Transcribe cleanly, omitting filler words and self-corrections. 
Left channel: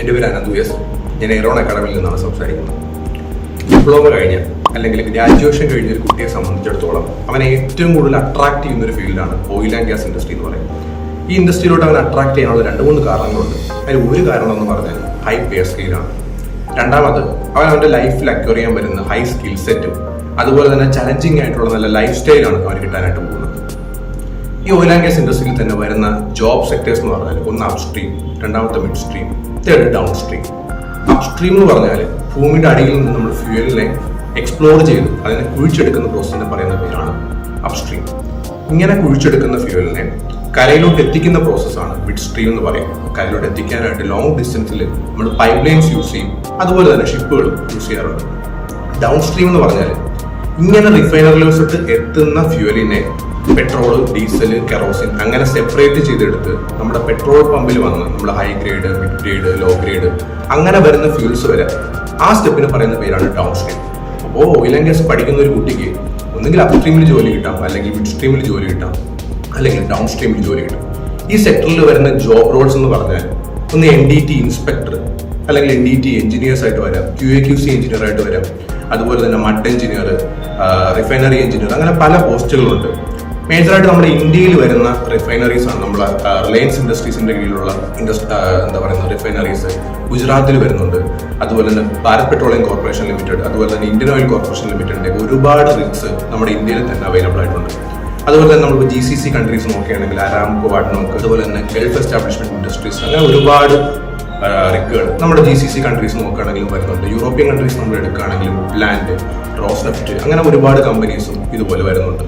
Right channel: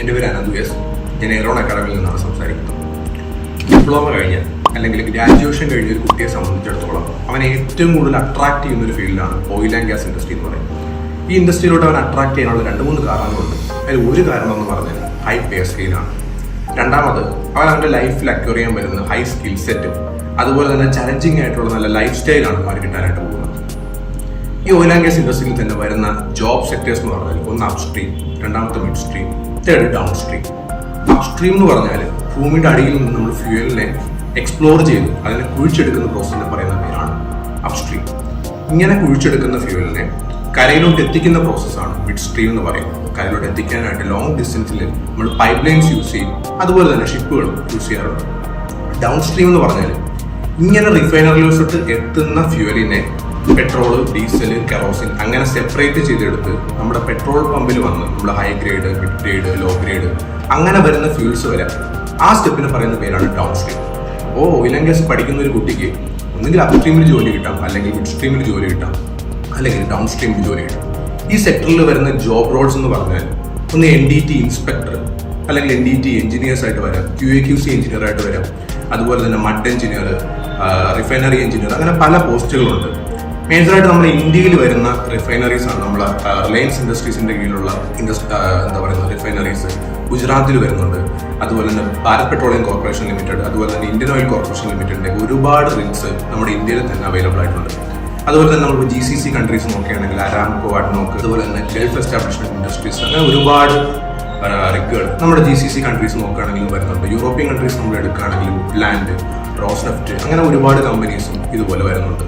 എൻ്റെ പേര് അനന്തു എസ്. ഞാൻ എയറോൺ അക്കാഡമിയിൽ നിന്നാണ് സംസാരിക്കുന്നത്. ഡിപ്ലോമ കഴിഞ്ഞ അല്ലെങ്കിൽ ഗ്രാജുവേഷൻ കഴിഞ്ഞ ഒരു കുട്ടിയെ സംബന്ധിച്ചിടത്തോളം അവനെ ഏറ്റവും കൂടുതൽ അട്രാക്ട് ചെയ്യുന്ന ഒരു ഫീൽഡാണ് ഓയിൽ ആൻഡ് ഗ്യാസ് ഇൻഡസ്ട്രി എന്ന് പറയുന്നത്. ഈ ഇൻഡസ്ട്രിയിലോട്ട് അവൻ അട്രാക്ട് ചെയ്യാനുള്ള 2-3 കാരണങ്ങളുണ്ട്. അതിൽ ഒരു കാരണം എന്ന് പറഞ്ഞാൽ ഹൈ പേ സ്കെയിലാണ്. രണ്ടാമത് അവൻ അവൻ്റെ ലൈഫിൽ അക്വയർ ചെയ്യാൻ വരുന്ന ഹൈ സ്കിൽ സെറ്റും അതുപോലെ തന്നെ ചലഞ്ചിങ് ആയിട്ടുള്ള നല്ല ലൈഫ് സ്റ്റൈലാണ് അവന് കിട്ടാനായിട്ട് പോകുന്നത്. ഈ ഓയിൽ ആൻഡ് ഗ്യാസ് ഇൻഡസ്ട്രിയിൽ തന്നെ വരുന്ന ജോബ് സെക്ടേഴ്സ് എന്ന് പറഞ്ഞാൽ ഒന്ന് അപ് സ്ട്രീം, രണ്ടാമത്തെ mid stream, third down stream. Up stream എന്ന് പറഞ്ഞാൽ ഭൂമിയുടെ അടിയിൽ നിന്ന് നമ്മൾ ഫ്യൂവലിനെ എക്സ്പ്ലോർ ചെയ്ത് അതിനെ കുഴിച്ചെടുക്കുന്ന പ്രോസസ്സിനെ പറയുന്ന പേരാണ് അപ് സ്ട്രീം. ഇങ്ങനെ കുഴിച്ചെടുക്കുന്ന ഫ്യൂവലിനെ കരയിലോട്ട് എത്തിക്കുന്ന പ്രോസസ്സാണ് മിഡ് സ്ട്രീം എന്ന് പറയുന്നത്. കരയിലോട്ട് എത്തിക്കാനായിട്ട് ലോങ് ഡിസ്റ്റൻസിൽ നമ്മൾ പൈപ്പ് ലൈൻസ് യൂസ് ചെയ്യും, അതുപോലെ തന്നെ ഷിപ്പുകളും യൂസ് ചെയ്യാറുണ്ട്. ഡൗൺ സ്ട്രീം എന്ന് പറഞ്ഞാൽ ഇങ്ങനെ റിഫൈനറിലോട്ട് എത്തുന്ന ഫ്യൂവലിനെ പെട്രോള്, ഡീസല്, കെറോസിൻ അങ്ങനെ സെപ്പറേറ്റ് ചെയ്തെടുത്ത് നമ്മുടെ പെട്രോൾ പമ്പിൽ വന്ന് നമ്മൾ high grade, mid grade, low grade അങ്ങനെ വരുന്ന ഫ്യൂൽസ് വരെ ആ സ്റ്റെപ്പിന് പറയുന്ന പേരാണ് ഡൗൺ സ്ട്രീം. അപ്പോൾ ഓയിൽ ആൻഡ് ഗ്യാസ് പഠിക്കുന്ന ഒരു കുട്ടിക്ക് ഒന്നുകിൽ അപ് സ്ട്രീമിൽ ജോലി കിട്ടാം, അല്ലെങ്കിൽ മിഡ് സ്ട്രീമിൽ ജോലി കിട്ടാം, അല്ലെങ്കിൽ ഡൗൺ സ്ട്രീമിൽ ജോലി കിട്ടാം. ഈ സെക്ടറിൽ വരുന്ന ജോബ് റോൾസ് എന്ന് പറഞ്ഞാൽ ഒന്ന് NDT ഇൻസ്പെക്ടർ അല്ലെങ്കിൽ NDT എഞ്ചിനീയേഴ്സ് ആയിട്ട് വരാം, QA/QC എഞ്ചിനീയർ ആയിട്ട് വരാം, അതുപോലെ തന്നെ മഡ് എഞ്ചിനീയർ, റിഫൈനറി എഞ്ചിനീയർ, അങ്ങനെ പല പോസ്റ്റുകളുണ്ട്. മേജറായിട്ട് നമ്മുടെ ഇന്ത്യയിൽ വരുന്ന റിഫൈനറീസ് ആണ് നമ്മൾ റിലയൻസ് ഇൻഡസ്ട്രീസിന്റെ കീഴിലുള്ള എന്താ പറയുന്നത് റിഫൈനറീസ് ഗുജറാത്തിൽ വരുന്നുണ്ട്. അതുപോലെ തന്നെ ഭാരത് പെട്രോളിയം കോർപ്പറേഷൻ ലിമിറ്റഡ്, അതുപോലെ തന്നെ ഇന്ത്യൻ ഓയിൽ കോർപ്പറേഷൻ ലിമിറ്റഡിന്റെ ഒരുപാട് റിഗ്സ് നമ്മുടെ ഇന്ത്യയിൽ തന്നെ അവൈലബിൾ ആയിട്ടുണ്ട്. അതുപോലെ തന്നെ നമ്മൾ GCC കൺട്രീസ് നോക്കുകയാണെങ്കിൽ അരാംകോ, അഡ്നോക്ക്, അതുപോലെ തന്നെ ഗൾഫ് എസ്റ്റാബ്ലിഷ്മെന്റ് ഇൻഡസ്ട്രീസ്, അങ്ങനെ ഒരുപാട് റിഗുകൾ നമ്മുടെ GCC കൺട്രീസ് നോക്കുകയാണെങ്കിലും വരുന്നുണ്ട്. യൂറോപ്യൻ കൺട്രീസ് നമ്മൾ എടുക്കുകയാണെങ്കിൽ വുഡ്ലാൻഡ്, റോസ്നെഫ്റ്റ്, അങ്ങനെ ഒരുപാട് കമ്പനീസും ഇതുപോലെ വരുന്നുണ്ട്.